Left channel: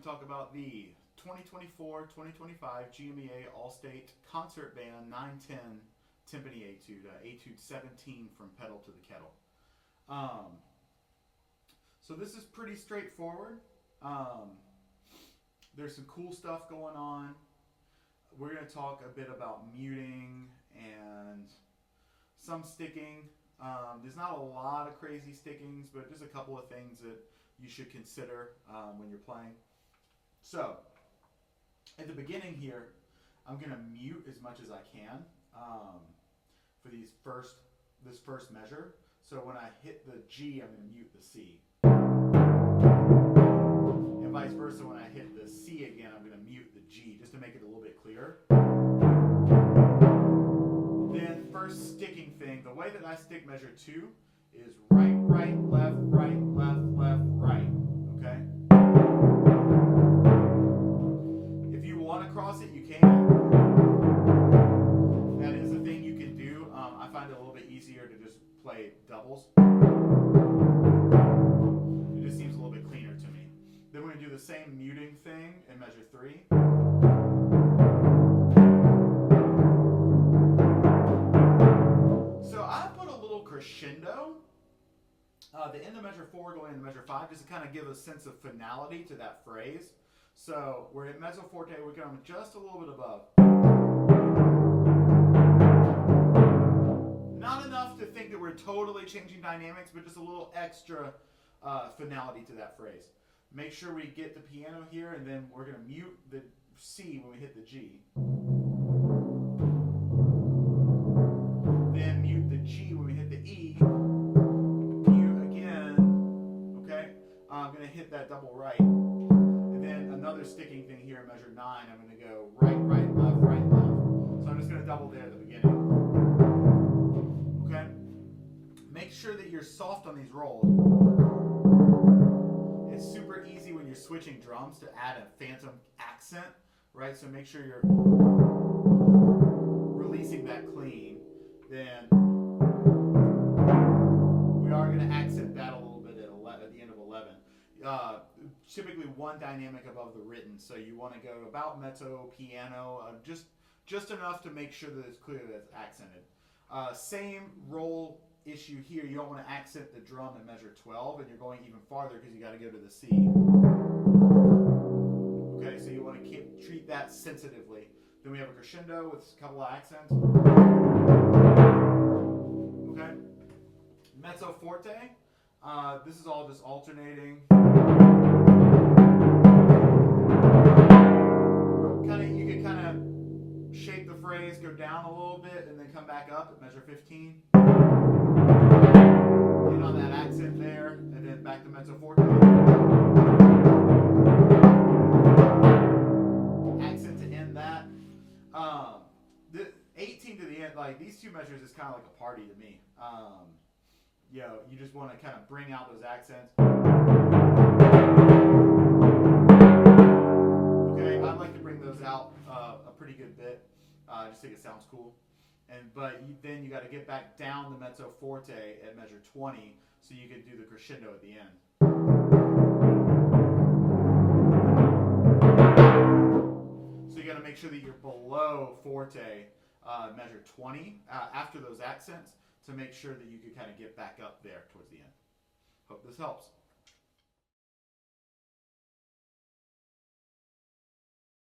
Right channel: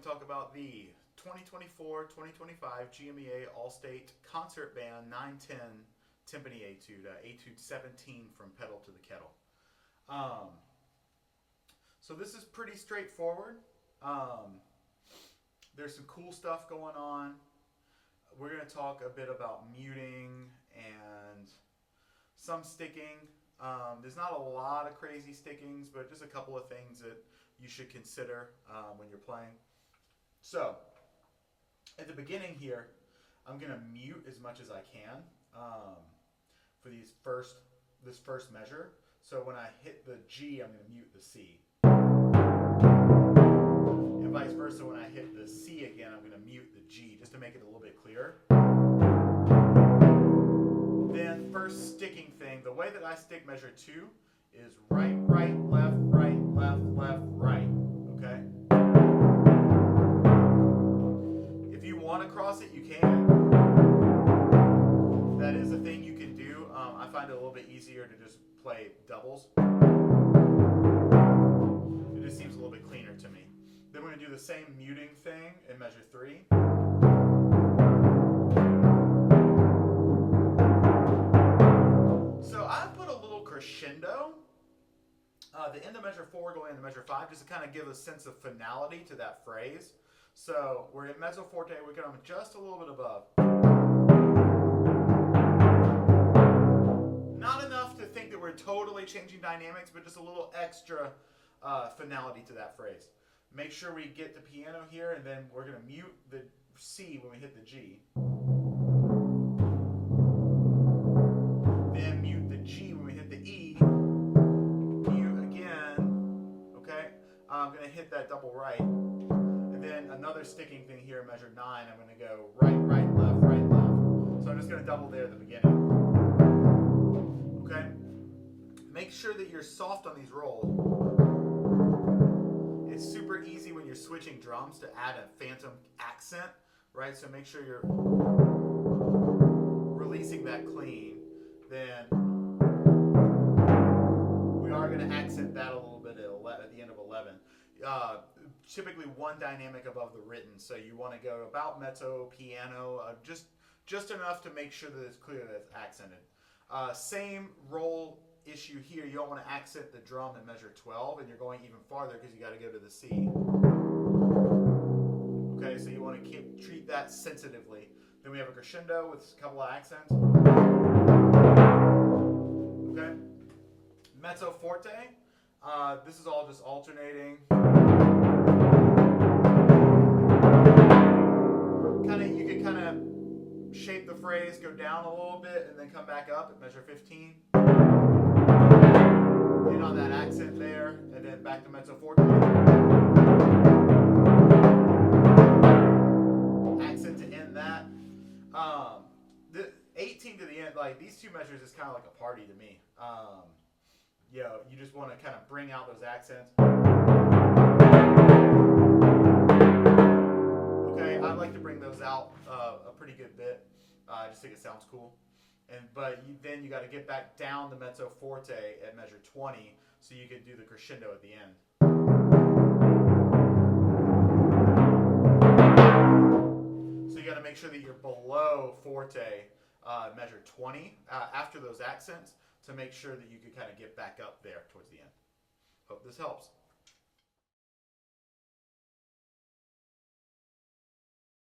to talk about the 2024-2025 GMEA All-State Concert Band 910 Timpani Etude, Etude 17 from Pedal to the Kettle. So this is pretty straightforward. There's some cool stuff going on. We're going to talk a bit about muting and some sticking. There's not a lot of crazy stickings, but just a couple of things that you should consider when you're playing. So, at the beginning here, I'm going to mute as much as I can for this first measure. So when I hit the G, I'm going to mute the C. And vice versa, when I hit the C again, I'm going to mute the G, just to make it a little bit clearer. Then first sticking thing, the way that I stick measure 2 is right, right, left, right. Okay? If you want to cross it, you can. That is a thing you can do. I find it a little bit easier to just play doubles. It just seems a little bit cleaner to me. Then we're going to do the same muting thing in measure 3. So I put a little crescendo. The end of measure 4 going into measure 5 just to kind of give a sense of finality to that phrase. So we're at mezzo forte, we're going just a little bit above. Not enough to think that we're totally changing dynamics, but just a little extra finality to that phrase. Make sure we get the piano here, and then we're going to mute the C when we hit the G. Then mute the G when we hit the E. Mute again. Okay? I'm going to hit that double right. And then another sticking thing here in measure 9. I'm going to go right, right, left, right, left. So I'm just going to double there at the beginning. Okay? Make sure that you're soft on these rolls. It's super easy when you're switching drums to add a phantom accent, right? So make sure you're releasing that clean. Then we are going to accent that a little bit at the end of 11. Typically one dynamic above the written, so you want to go about mezzo, piano, just enough to make sure that it's clear that it's accented. Same roll issue here. You don't want to accent the drum in measure 12, and you're going even farther because you got to go to the C. Okay, so you want to treat that sensitively. Then we have a crescendo with a couple of accents. Okay, mezzo forte. This is all just alternating. You can kind of shape the phrase, go down a little bit, and then come back up at measure 15. Get on that accent there, and then back to mezzo forte. Accent to end that. The 18 to the end, like these two measures is kind of like a party to me. You just want to kind of bring out those accents. Okay, I like to bring those out a pretty good bit. I just think it sounds cool. But then you got to get back down the mezzo forte at measure 20 so you can do the crescendo at the end. So you got to make sure that you're below forte measure 20 after those accents to make sure that you can kind of get back up there towards the end. Hope this helps.